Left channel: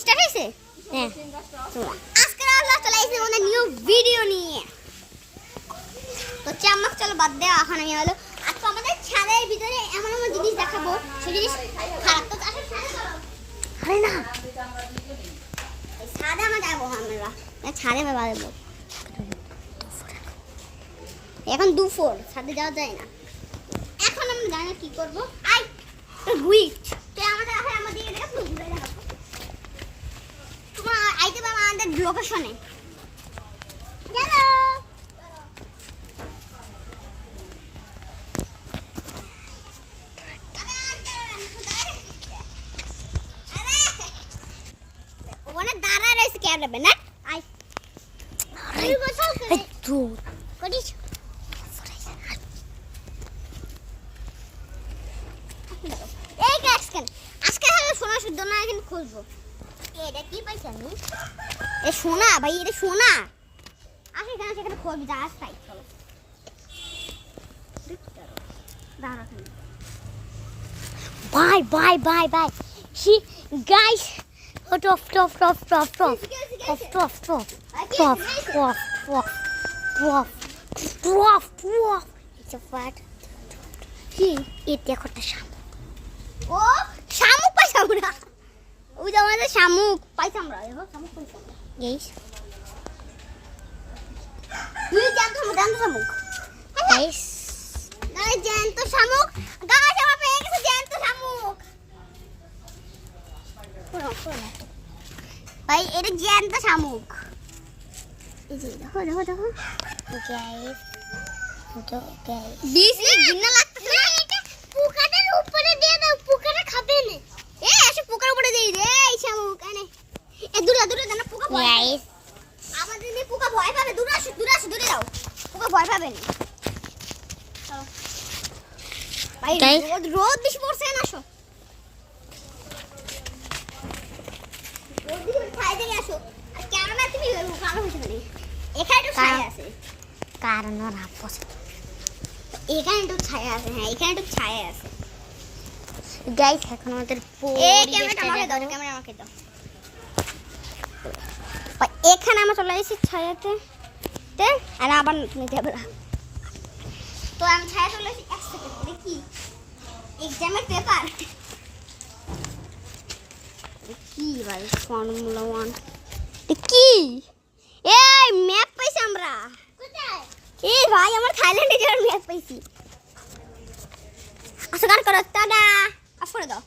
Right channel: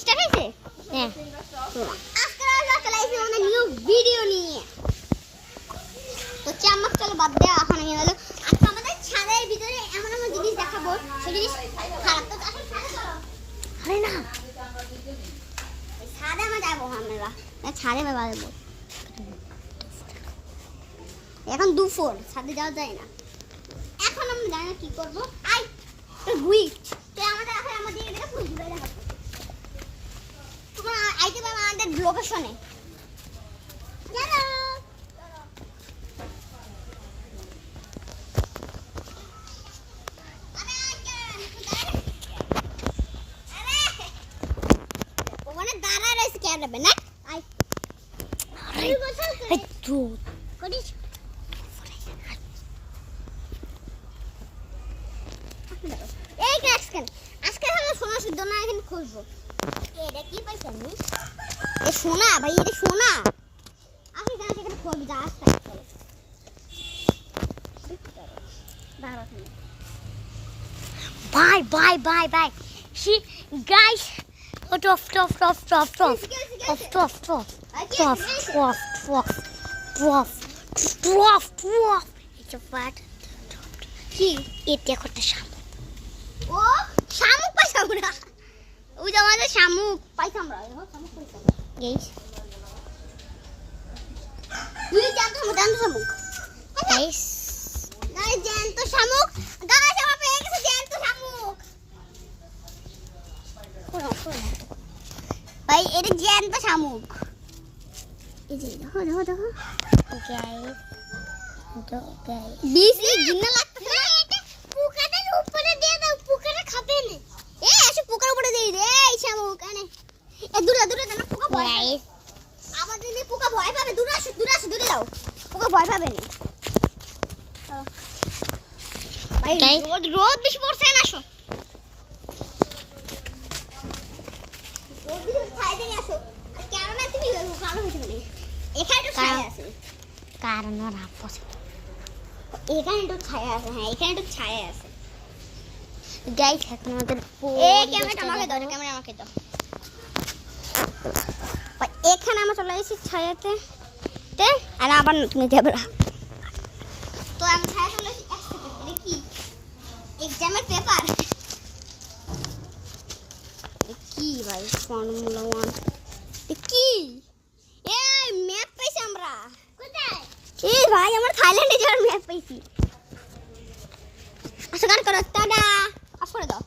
Start হয়েছে? হ্যাঁ। আজকে আমরা চলে এসেছি আমাদের নিউ ভিডিও নিয়ে। তো চামচ চলো বাদ দেওয়া এখন আমি হলে আজকে আমাদের ছাদের ভিতরে এমন এমন জিনিস দেখাবো, সেই জিনিস খারাপ তো আসলে আরে না ছাদে আমরা যাবো, আমরা ছাদে যাবো। এখন দুপুর, ছাদে যাওয়া যায় না। এখন আমরা জানি না কি করবো। আই গুই তো আমাদের এখন আমাদের এদিকে ঘুরে দেখাবো। তোমরা আইতে পারো আমাদের লোকেশনে। চলো ওখানে দাঁড়া রয়েছে কে যাবে না। আই আরে বসো একটু করিস। এই ক্যাক্সকেন আজকে হলো সোনা শুদ্ধ না, এখন খুঁজবো। এটা কি পাইছ আমি? এ সোনা ভাই, এটা সোনা। আজকে কেন সেখানে খুঁজবি? যা আসতে চলো bye bye bye bye. C guys top top top top top top top top top top top top top top এটা পাট কি? এটা কত শামুক। ও শামুক পাইছি আমরা। ওই যে আমাদের শামুক পাইছি আমরা। দেখো শামুক পাইছি গাইস। তুই জানতো শামুক গাইস? না জানতো শামুক গাইস, আমরা পেয়ে গেছি জানতো শামুক। ভাই এটা জ্যান্ত শামুক। এই যে দেখো দেখো দেখো গাইস, তো গাইস বিসি ঘিন্না লাগতেছে না। এটা পোকাটার উপরে দিয়ে দাও, পোকাটা খাবে না। এ এসে পোকার উপরে দেই রে এই শামুক আনে। এ দূরে দূরে জানা পোকা গাইস, আমাদের নে পোকা ভয় পাবে। দূরে আসো দূরে যাও, পোকা ভয় পাবে না। ভাই রোদ বেশি পড়ছে না, আসো এখানে আমরা চলে এসেছি ছায়াতে, আর আবার নিতে হবে। তো আমি ছায়া চলে এসেছি। এক সেকেন্ড, এটা কি এক্সামের পেপার? কি ভাই ফর্মুলা 1 কি? এই ম্যাপ পাইছি আমরা। কোথায়? এই ভাই আমরা থাইল্যান্ডে যাওয়ার ম্যাপ পাইছি। আচ্ছা গান করো, টাটা অফ করে দাও।